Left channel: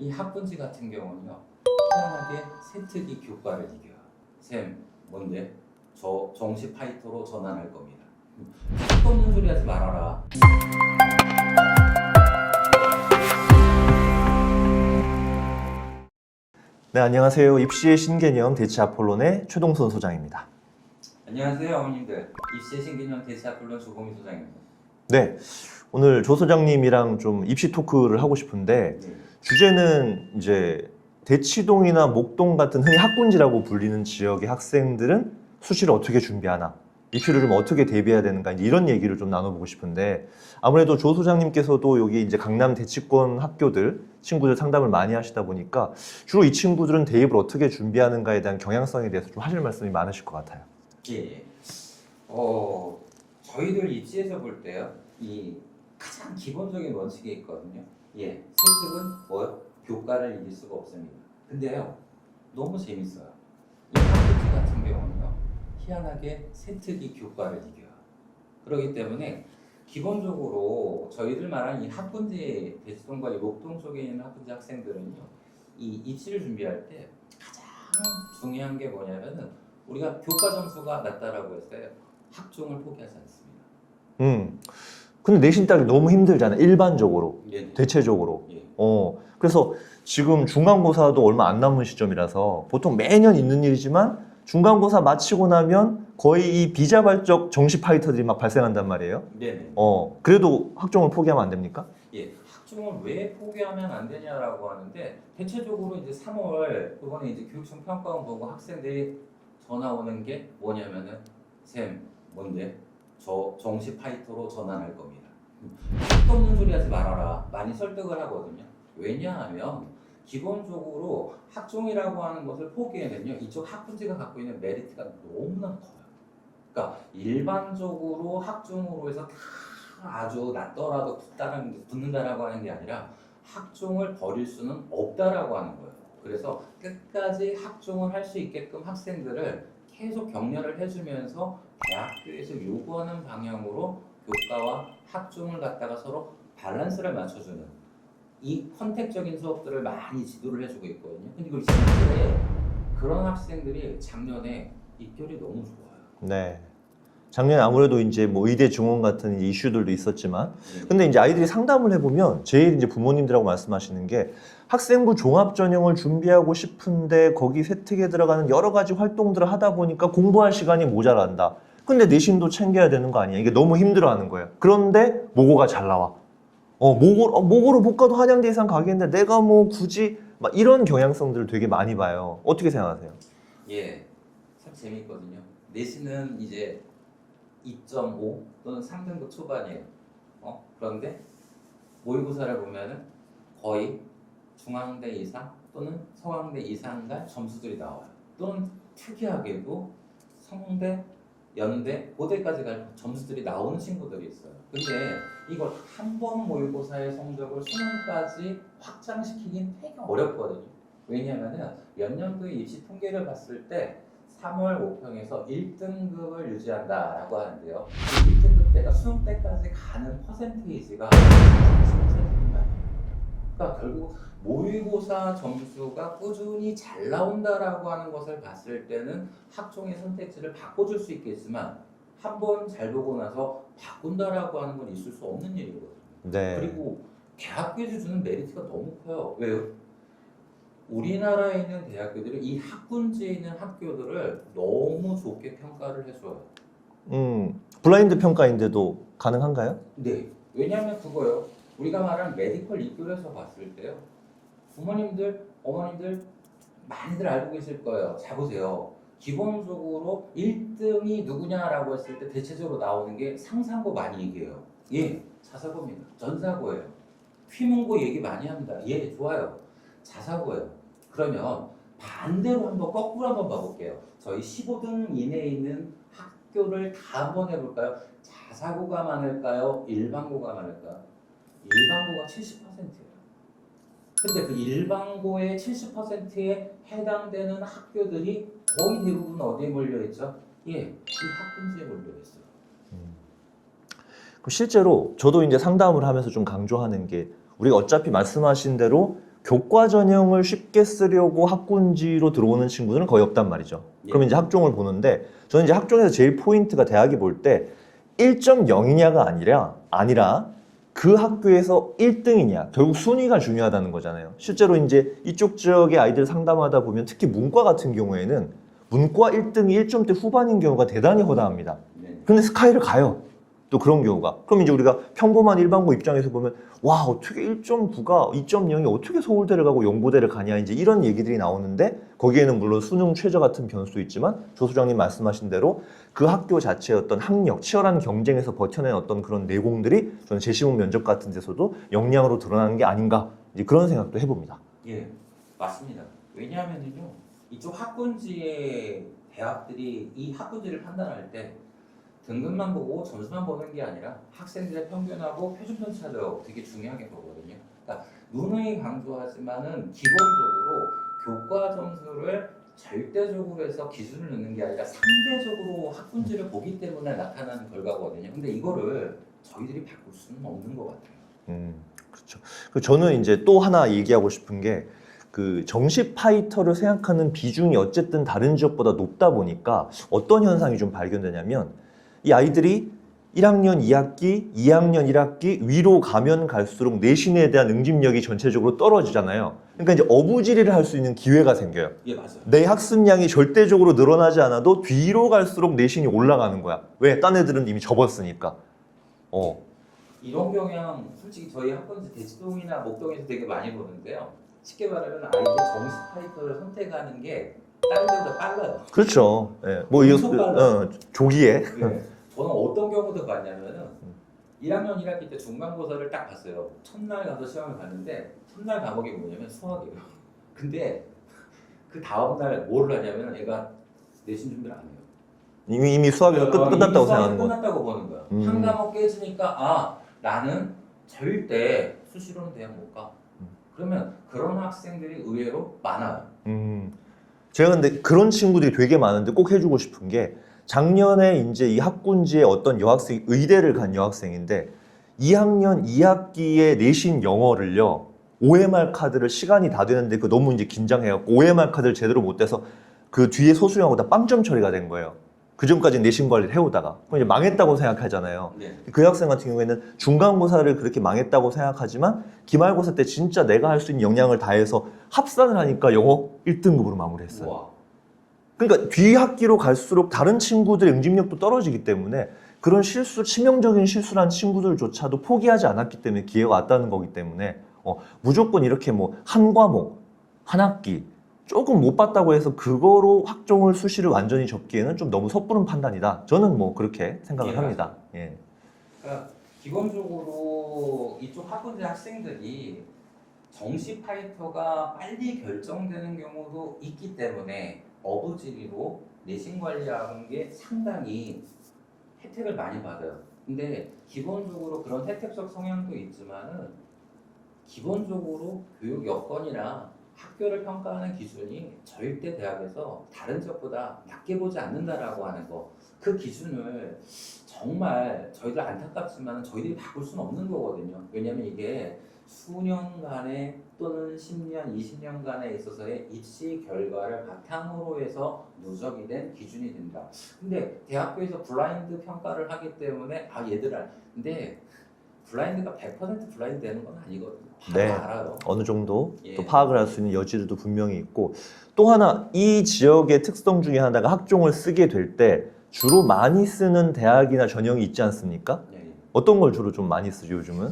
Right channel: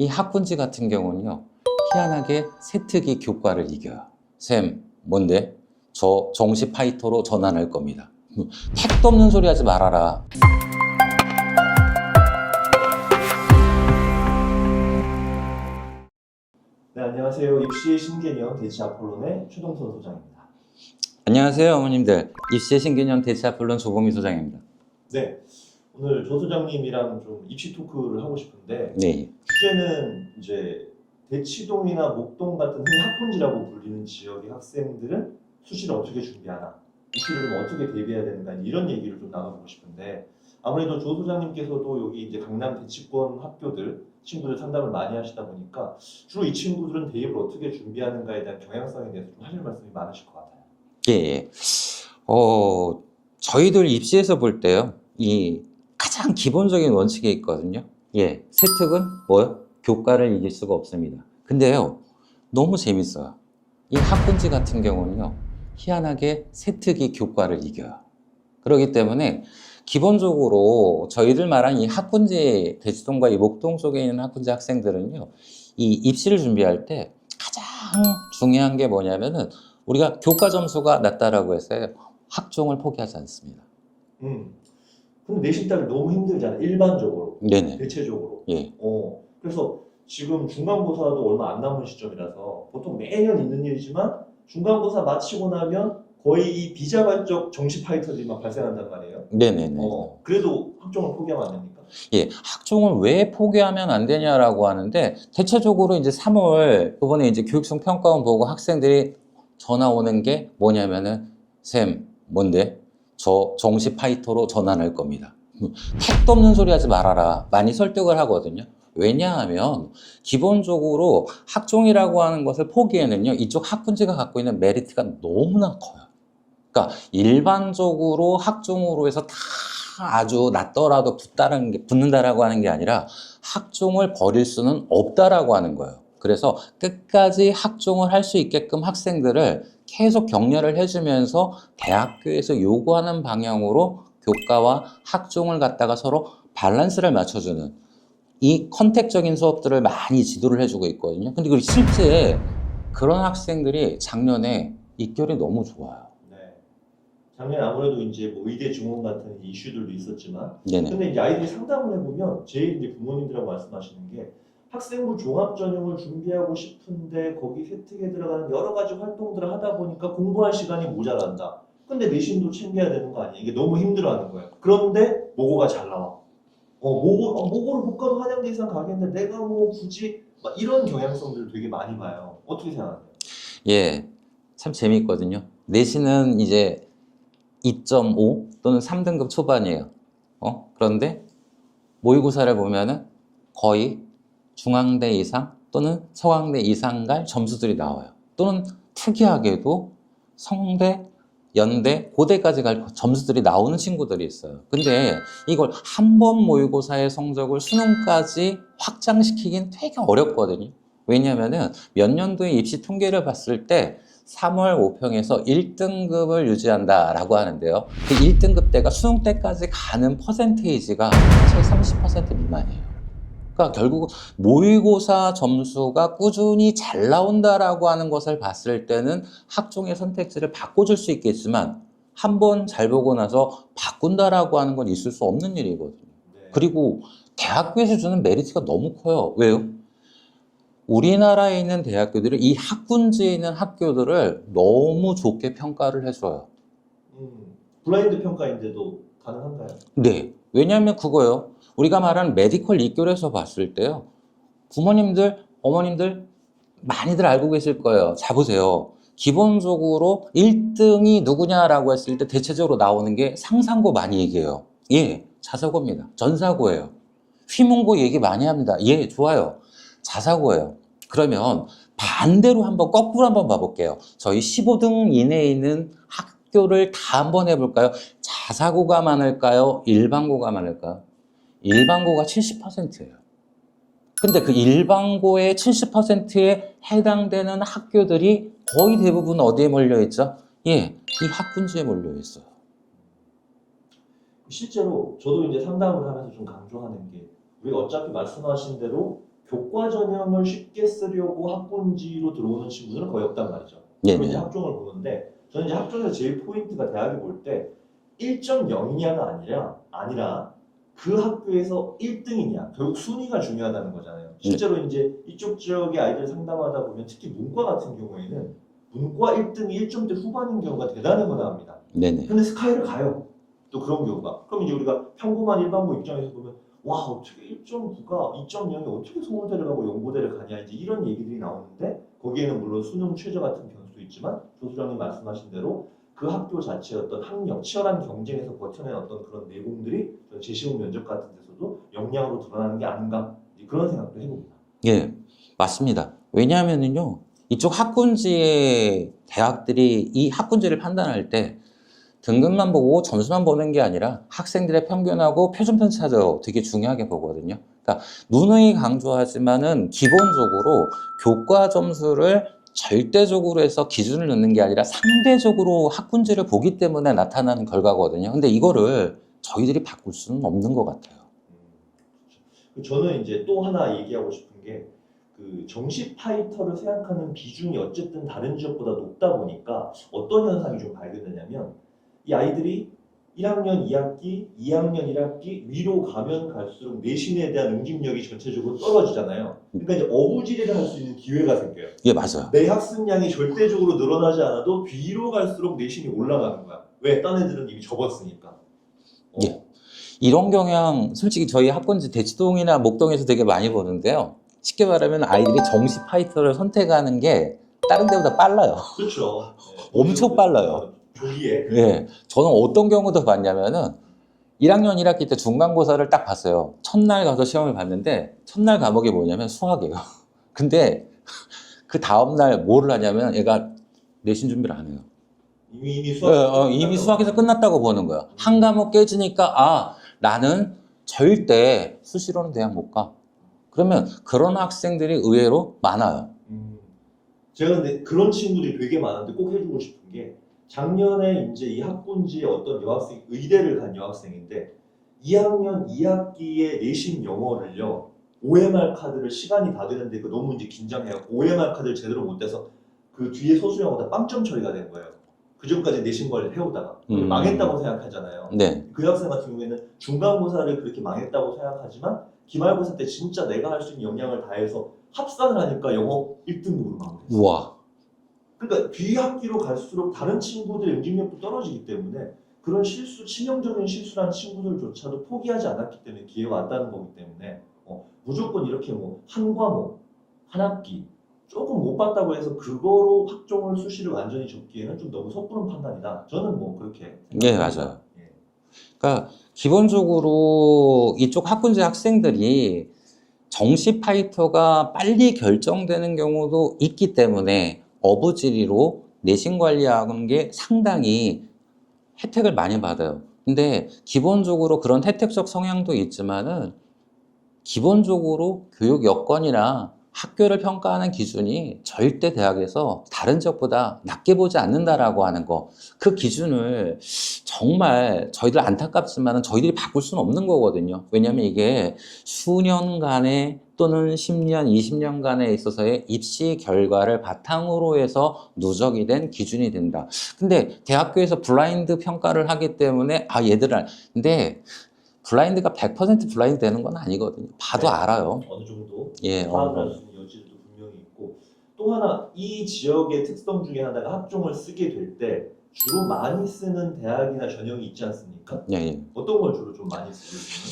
이 학군지 같은 경우는요, 희한하게 세특이 교과를 이겨요. 쌤, 뭔데? 저 정시 파이터로 전환할 겁니다. 택도 없는 소리 하지 말아라. 네, 안녕하세요. 입시의 신개념 대치 아폴론의 최동선 소장입니다. 안녕하세요, 어머님들. 입시의 신개념 대치 아폴론 조범희 소장입니다. 네, 오늘 조 소장님이랑 좀 입시 토크를 하고 싶은데 네. 주제는 이제 대치동이나 목동 같은 흔히 학군지라고 불리는 지역의 학생들은 수시를 어떻게 준비하나, 입시를 좀 어떻게 대비해야 되는가, 이런 얘기를 좀 나눠보고 싶은데 아무래도 조 소장님께서도 여기 이제 강남 대치권 학교들 친구들 상담을 많이 하시다 보니까 주로 이 친구들은 대입을 어떻게 준비하는가에 대한 경향성에 대해서 좀 하실 말씀이 많으실 것 같아요. 예. 저희들 입시에서 볼 때요, 이 가장 기본적인 원칙이 있거든요. 예. 세특은 뭐요? 교과를 이길 수가 없습니다. 근데요, 너무 재밌어요. 이 학군지 같은 경우는요, 희한하게 세특이 교과를 이겨요. 그렇기 때문에 기본적으로 저희들 말한 이 학군지, 대치동과 이 목동 속에 있는 학군지 학생들은요, 이 입시를 준비할 때 가장 중요한 게 뭐냐면은 우리가 교과 점수가 낮다라고 해서 학종을 포기하지 않습니다. 근데 내신 따기 너무 힘들잖아. 일반적으로, 네네. 대체적으로. 예. 그래서 지금 중간고사도 얼마 안 남은 시점이라서 보통 매년 있는 일이지만 중간고사 마치고 나면 거의 이 비자발적 정시 파이터들이 막 발생한단 말이에요. 네네네. 그래도 학종을 포기하면 안 됩니까? 예. 학종을 왜 포기하면 안 되냐라고 하는데, 대체적으로 이제 3월 이번에 이제 교육청 평가원 보고 학생들이 전화 오는 게 뭐냐면은, 쌤, 뭔데? 저 정시 파이터로 전환할 겁니다. 택도 없는 소리 하지 말아라. 많이 설득을 하거든요. 왜냐하면 기본적으로 학종이라고 하는 것을 포기에는요, 이쪽 학군지가 갖고 있는 메리트가 너무나 커요. 그러니까 일반적으로 학종으로 해서 다 아주 낮더라도 붙는다라고 하는 게 아니라 학종을 버릴 수는 없다라고 하는 거예요. 그래서 끝까지 학종을 할 수 있게끔 학생들을 계속 격려를 해주면서 대학교에서 요구하는 방향으로 교과와 학종을 갖다가 서로 밸런스를 맞춰주는 이 컨택적인 수업들을 많이 지도를 해주고 있거든요. 근데 그리고 실제 그런 학생들이 작년에 입결이 너무 좋아요. 네. 작년에 아무래도 이제 뭐 의대 증원 같은 이슈들도 있었지만, 네네. 근데 이제 아이들이 상담을 해보면 제일 이제 부모님들하고 말씀하시는 게 학생부 종합 전형을 준비하고 싶은데 거기 세특에 들어가는 여러 가지 활동들을 하다 보니까 공부할 시간이 모자란다. 근데 내신도 챙겨야 되는 거 아니야? 이게 너무 힘들어하는 거예요. 그런데 모고가 잘 나와. 모고로 못 가도 한양대 이상 가겠는데 내가 뭐 굳이 막 이런 경향성들을 되게 많이 봐요. 어떻게 생각하세요? 예, 참 재미있거든요. 내신은 이제 2.5 또는 3등급 초반이에요. 그런데 모의고사를 보면은 거의 중앙대 이상 또는 서강대 이상 갈 점수들이 나와요. 또는 특이하게도 성대, 연대, 고대까지 갈 점수들이 나오는 친구들이 있어요. 근데 이걸 한 번 모의고사의 성적을 수능까지 확장시키긴 되게 어렵거든요. 왜냐면은 몇 년도의 입시 통계를 봤을 때 3월 5평에서 1등급을 유지한다라고 하는데요. 그 1등급 대가 수능 때까지 가는 퍼센테이지가 사실 30% 미만이에요. 그러니까 결국 모의고사 점수가 꾸준히 잘 나온다라고 하는 것을 봤을 때는 학종의 선택지를 바꿔줄 수 있겠지만 한 번 잘 보고 나서 바꾼다라고 하는 건 있을 수 없는 일이거든요. 네. 그리고 대학교에서 주는 메리트가 너무 커요. 왜요? 우리나라에 있는 대학교들이 이 학군지에 있는 학교들을 너무 좋게 평가를 해줘요. 블라인드 평가인데도 가능한가요? 네. 왜냐하면 그거요. 우리가 말하는 메디컬 입결에서 봤을 때요. 부모님들, 어머님들 많이들 알고 계실 거예요. 자, 보세요. 기본적으로 1등이 누구냐라고 했을 때 대체적으로 나오는 게 상상고 많이 얘기해요. 예, 자사고입니다. 전사고예요. 휘문고 얘기 많이 합니다. 예, 좋아요. 자사고예요. 그러면 반대로 한번 거꾸로 한번 봐볼게요. 저희 15등 이내에 있는 학교를 다 한번 해볼까요? 자사고가 많을까요? 일반고가 많을까요? 일반고가 70%예요. 근데 그 일반고의 70%에 해당되는 학교들이 거의 대부분 어디에 몰려있죠? 예, 이 학군지에 몰려있어요. 실제로 저도 이제 상담을 하면서 좀 강조하는 게 우리가 어차피 말씀하신 대로 교과 전형을 쉽게 쓰려고 학군지로 들어오는 친구들은 거의 없단 말이죠. 예. 그럼 이제 학종을 보는데 저는 이제 학종에서 제일 포인트가 대학이 볼 때 1.0이냐가 아니라 그 학교에서 1등이냐 결국 순위가 중요하다는 거잖아요. 실제로 이제 이쪽 지역의 아이들 상담하다 보면 특히 문과 같은 경우에는 문과 1등이 1점대 후반인 경우가 대단히 허다합니다. 네네. 근데 스카이를 가요. 또 그런 경우가. 그럼 이제 우리가 평범한 일반고 입장에서 보면 와 어떻게 1.9가 2.0이 어떻게 서울대를 가고 연고대를 가냐 이제 이런 얘기들이 나오는데 거기에는 물론 수능 최저 같은 변수도 있지만 조 소장님 말씀하신 대로 그 학교 자체의 어떤 학력, 치열한 경쟁에서 버텨낸 어떤 그런 내공들이 저는 재시험 면접 같은 데서도 역량으로 드러나는 게 아닌가 이제 그런 생각도 해봅니다. 예, 맞습니다. 왜냐하면요, 이쪽 학군지의 대학들이 이 학군지를 판단할 때 등급만 보고 점수만 보는 게 아니라 학생들의 평균하고 표준 편차도 되게 중요하게 보거든요. 그러니까 누누이 강조하지만은 기본적으로 교과 점수를 절대적으로 해서 기준을 넣는 게 아니라 상대적으로 학군지를 보기 때문에 나타나는 결과거든요. 근데 이거를 저희들이 바꿀 수는 없는 것 같아요. 그렇죠. 저는 이제 또 하나 얘기하고 싶은 게 그 정시 파이터를 생각하는 비중이 어쨌든 다른 지역보다 높다 보니까 어떤 현상이 좀 발견되냐면 이 아이들이 1학년 2학기, 2학년 1학기 위로 가면 갈수록 내신에 대한 응집력이 전체적으로 떨어지잖아요. 그러니까 이제 어부지리를 할 수 있는 기회가 생겨요. 예, 맞아요. 내 학습량이 절대적으로 늘어나지 않아도 뒤로 갈수록 내신이 올라가는 거야. 왜? 딴 애들은 이미 접었으니까. 예. 이런 경향 솔직히 저희 학군지 대치동이나 목동에서 되게 많이 보는데요. 쉽게 말하면 아이들이 정시 파이터를 선택하는 게 다른 데보다 빨라요. 그렇죠. 예. 엄청 빨라요. 조기에. 예. 저는 어떤 경우도 봤냐면은 1학년 1학기 때 중간고사를 딱 봤어요. 첫날 가서 시험을 봤는데 첫날 과목이 뭐냐면 수학이에요. 근데 그 다음날 뭘 하냐면 애가 내신 준비를 안 해요. 이미 수학이 이미 끝났다고 수학에서 생각하는 거. 끝났다고 보는 거야. 한 과목 깨지니까 아 나는 절대 수시로는 대학 못 가. 그러면 그런 학생들이 의외로 많아요. 제가 근데 그런 친구들이 되게 많은데 꼭 해주고 싶은 게 작년에 이제 이 학군지에 어떤 여학생이 의대를 간 여학생인데 2학년 2학기에 내신 영어를요 OMR 카드를 시간이 다 되는데 그 너무 이제 긴장해갖고 OMR 카드를 제대로 못 떼서 그 뒤에 소수영어다 빵점 처리가 된 거예요. 그 전까지 내신 관리를 해오다가 그럼 이제 망했다고 생각하잖아요. 네. 그 학생 같은 경우에는 중간고사를 그렇게 망했다고 생각하지만 기말고사 때 진짜 내가 할 수 있는 역량을 다해서 합산을 하니까 영어 1등급으로 마무리했어요. 우와. 그러니까 뒤 학기로 갈수록 다른 친구들의 응집력도 떨어지기 때문에 그런 실수, 치명적인 실수를 한 친구들조차도 포기하지 않았기 때문에 기회가 왔다는 거기 때문에 무조건 이렇게 뭐 한 과목, 한 학기 조금 못 봤다고 해서 그거로 학종을 수시를 완전히 접기에는 좀 너무 섣부른 판단이다. 저는 뭐 그렇게 생각합니다. 맞아요. 예. 그러니까 기본적으로 이쪽 학군지 학생들이 정시 파이터가 빨리 결정되는 경우도 있기 때문에 어부지리로 내신 관리하는 게 상당히 혜택을 많이 받아요. 근데 기본적으로 그런 혜택적 성향도 있지만은 기본적으로 교육 여건이나 학교를 평가하는 기준이 절대 대학에서 다른 지역보다 낮게 보지 않는다라고 하는 거. 그 기준을 정말 저희들 안타깝지만 저희들이 바꿀 수는 없는 거거든요. 왜냐하면 이게 수년간의 또는 10년, 20년간에 있어서의 입시 결과를 바탕으로 해서 누적이 된 기준이 된다. 근데 대학교에서 블라인드 평가를 하기 때문에 아 얘들아 근데 블라인드가 100% 블라인드 되는 건 아니거든요. 봐도 네. 알아요. 어느 정도 예, 파악을 할 수 있는 여지들도 분명히 있고 또 하나 이 지역의 특성 중에 하나가 학종을 쓰게 될 때 주로 많이 쓰는 대학이나 전형이 있지 않습니까? 예, 예. 어떤 걸 주로 좀 많이 쓰죠 요즘은?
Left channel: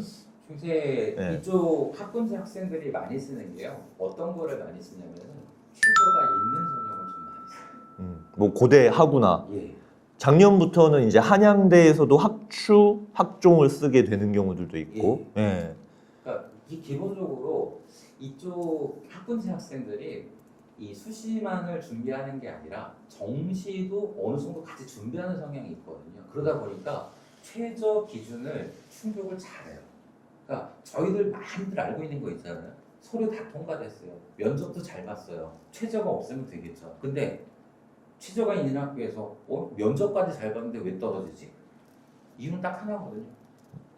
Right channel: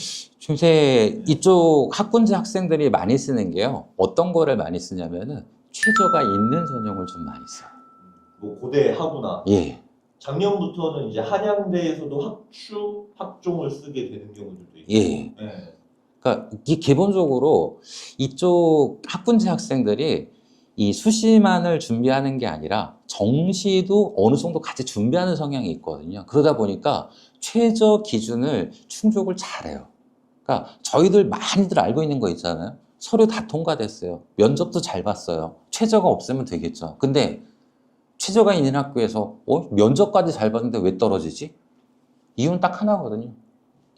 요새 네. 이쪽 학군지 학생들이 많이 쓰는 게요. 어떤 거를 많이 쓰냐면은 최저가 있는 전형을 좀 많이 써요. 뭐 고대 하구나. 예. 작년부터는 이제 한양대에서도 학추 학종을 쓰게 되는 경우들도 있고. 예. 예. 그러니까 이 기본적으로 이쪽 학군지 학생들이 이 수시만을 준비하는 게 아니라 정시도 어느 정도 같이 준비하는 성향이 있거든요. 그러다 보니까 최저 기준을 충족을 잘해요. 그러니까 저희들 많이들 알고 있는 거 있잖아요. 서류 다 통과됐어요. 면접도 잘 봤어요. 최저가 없으면 되겠죠. 근데 최저가 있는 학교에서 면접까지 잘 봤는데 왜 떨어지지? 이유는 딱 하나거든요.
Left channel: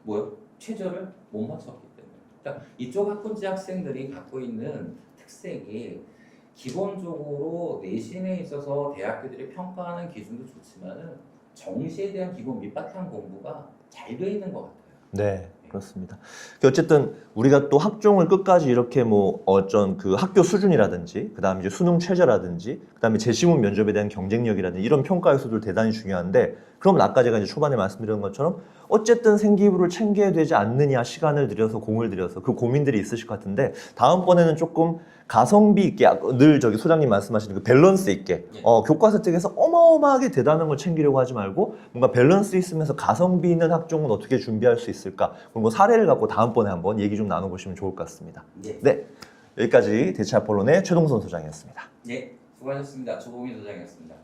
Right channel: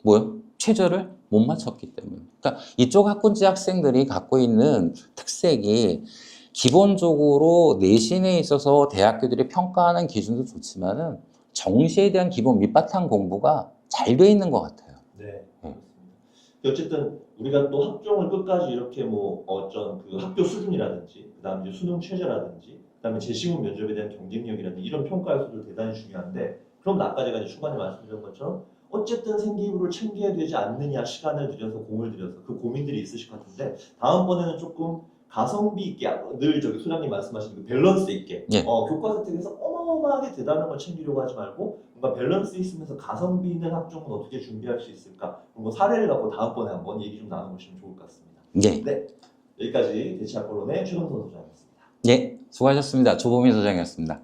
뭐요? 최저를 못 맞췄기 때문에. 그러니까 이쪽 학군지 학생들이 갖고 있는 특색이 기본적으로 내신에 있어서 대학교들이 평가하는 기준도 좋지만은 정시에 대한 기본 밑바탕 공부가 잘 돼 있는 것 같아요. 네, 그렇습니다. 어쨌든 우리가 또 학종을 끝까지 이렇게 뭐 어쩐 그 학교 수준이라든지, 그다음에 이제 수능 최저라든지, 그다음에 재시문 면접에 대한 경쟁력이라든지 이런 평가 요소들 대단히 중요한데, 그럼 아까 제가 이제 초반에 말씀드린 것처럼 어쨌든 생기부를 챙겨야 되지 않느냐, 시간을 들여서 공을 들여서 그 고민들이 있으실 것 같은데, 다음번에는 조금 가성비 있게, 늘 저기 소장님 말씀하시는 그 밸런스 있게 예. 교과서 책에서 어마어마하게 대단한 걸 챙기려고 하지 말고 뭔가 밸런스 있으면서 가성비 있는 학종은 어떻게 준비할 수 있을까, 그런 거 사례를 갖고 다음번에 한번 얘기 좀 나눠보시면 좋을 것 같습니다. 예. 네, 여기까지 대체아폴론의 최동선 소장이었습니다. 예. 수고하셨습니다. 조범희 소장이었습니다.